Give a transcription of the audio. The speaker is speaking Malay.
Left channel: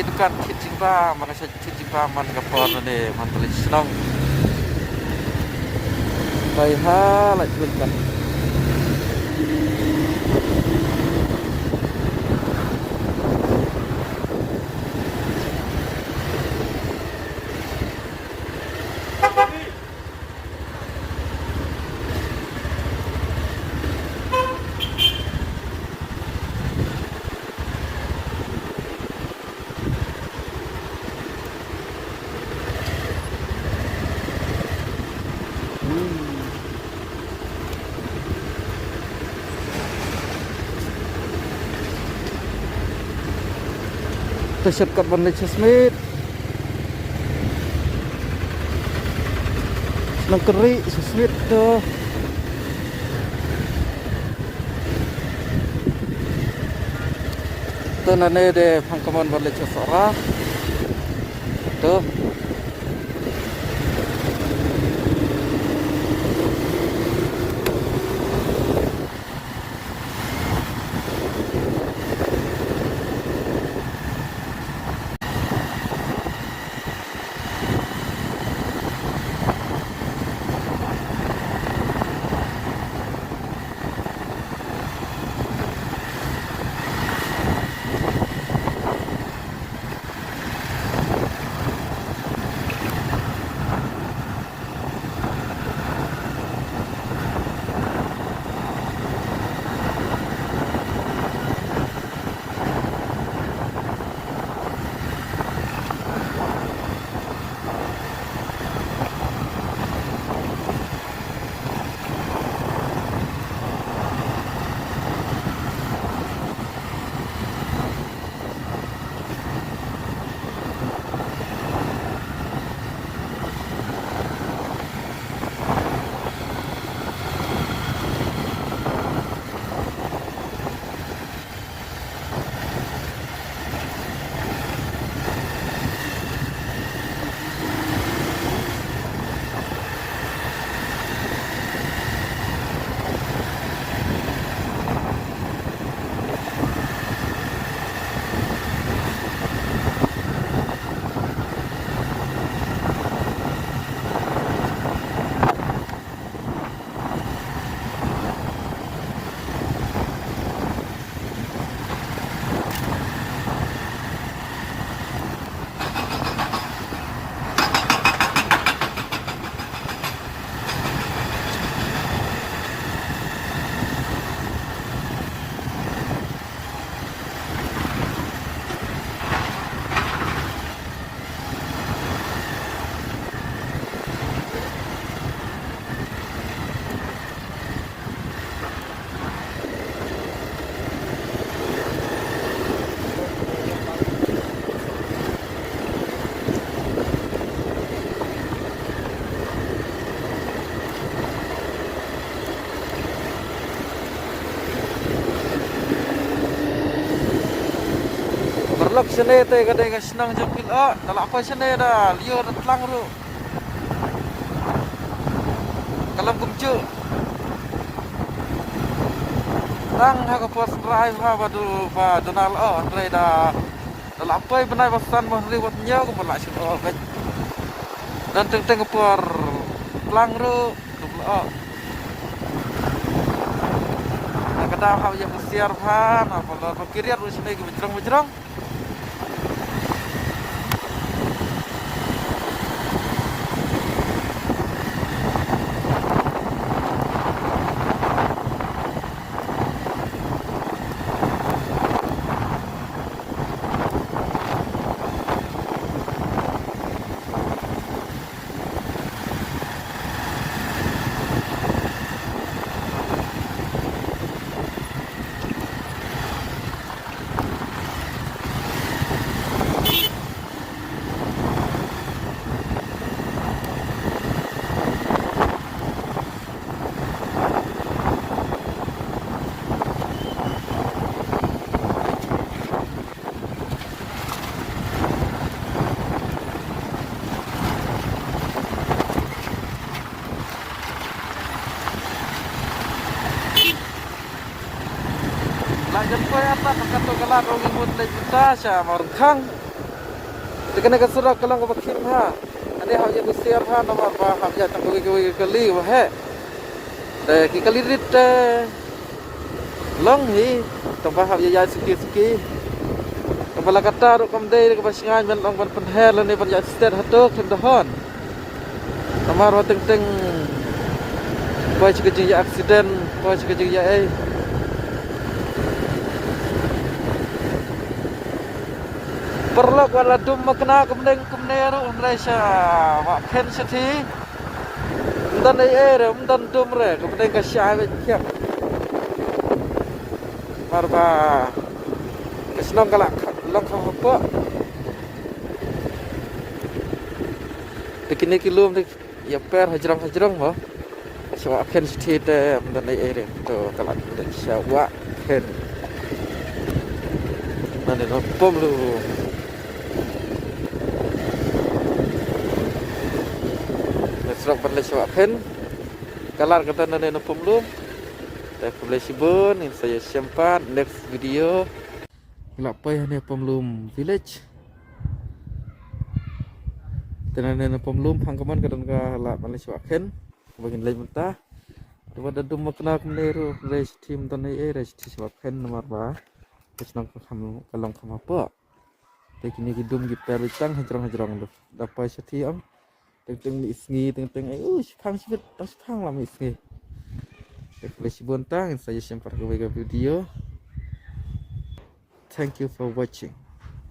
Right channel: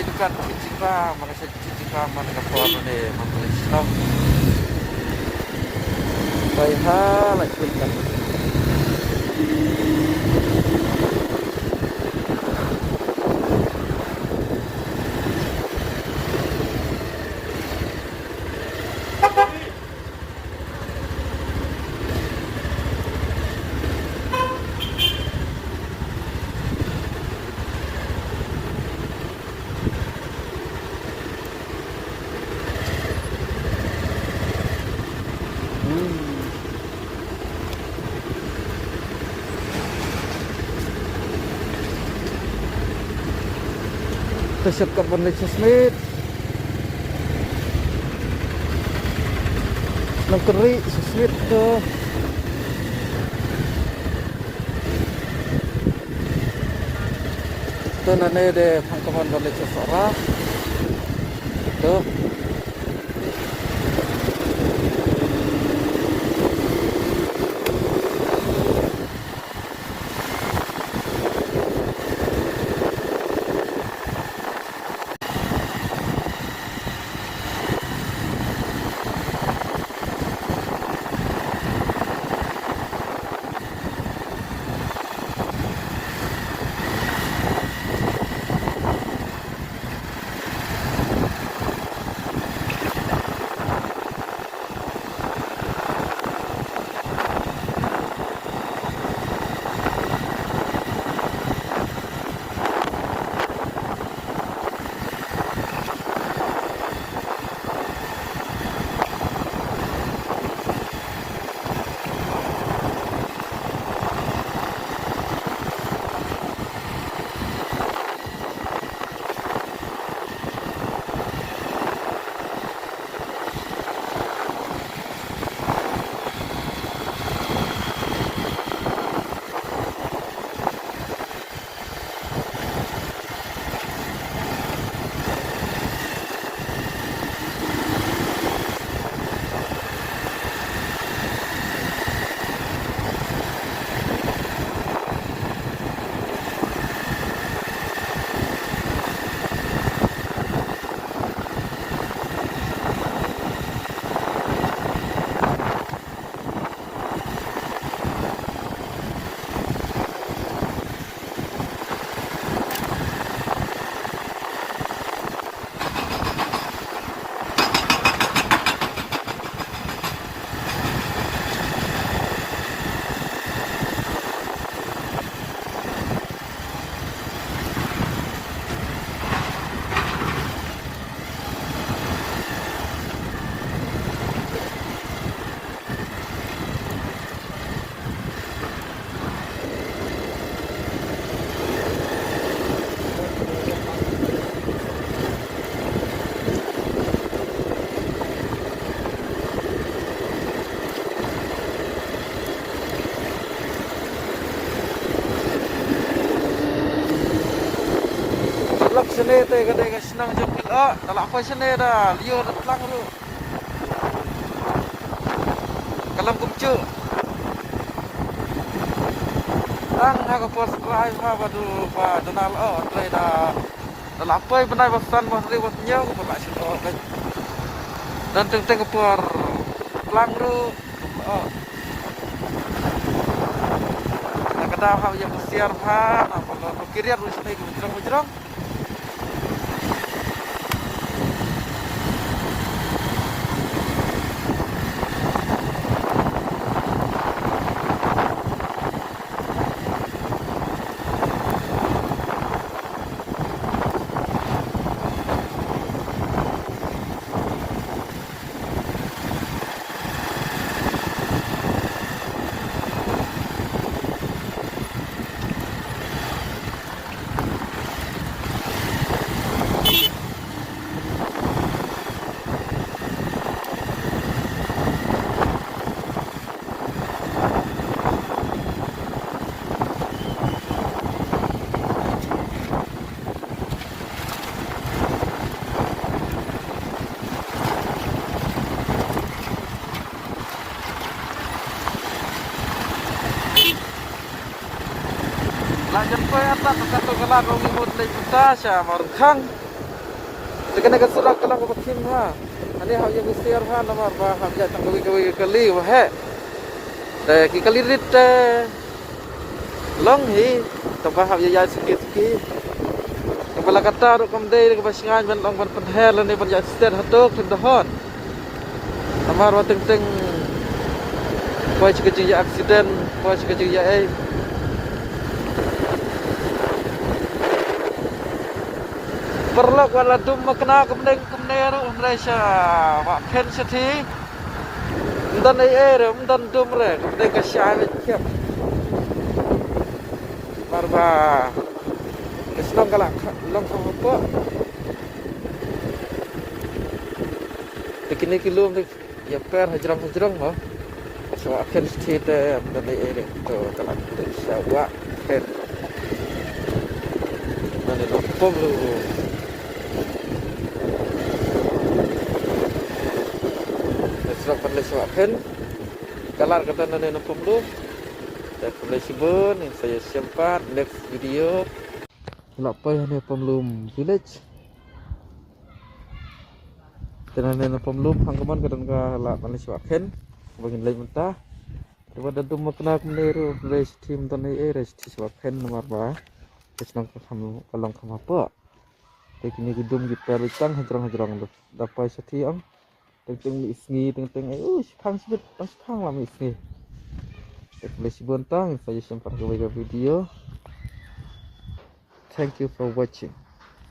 itu kan cuci pa mana sa cuci pa man kapor ni man tulis nong koi hala cuci Shortcut balik sa Smith nang keri sa Smith to na de pangkaman balik sa Sarah to lak sini te gade ga senang jepil talak apa sini dah liur tlang ru kalam kumcu tang ha ka pos rai ha badu ba denal dai dah talak apa benar basan bah ri wat nya ko balak sini kan dan teng ke por tlang ru kada ha yang siar ha apa nak kiriat ru sini bijrang Lanjut ke atas, tekan ke lagu imut lagi kita, saya mau Sekarang nak serak kalau kau pakai ha. Ani hak yang share ha nomor bah hak yang kali wah. Dah kali rit long hi tambah hak yang sikit-sikit. Kepala kata ru kamdai ke pasingan ban long ban penhel ni ban ya start hatok tendohon. Nomor wa teng-teng Poi kecil ya aksiden, poi kecil ya perlu wala dum makna kumne Malaysia wa pen sati dan dan dum re kumne ka syari kyak marba islam kala lang apa begini kilum ya per hajram mah so pen sati dan to kala wa pen dan itu pom Serok pandai sebab pen kalar kata nana napum lu dan pandai sibun yang saya simpan next video kelapa yang ni pemlum village dan nana pemlum hangkaman kadang kala pandai sebab pen bagian lain mentah daripada dum makna kemeru race team tanai race sebab pen nomor ba kesenang kamu kalong kamu apa tekini gedum kita recang hajrong dapat setiap teng isngi teng khang sibet pas khang lam isngi tek lesi bontang saya sempat ke video. Thank you for watching.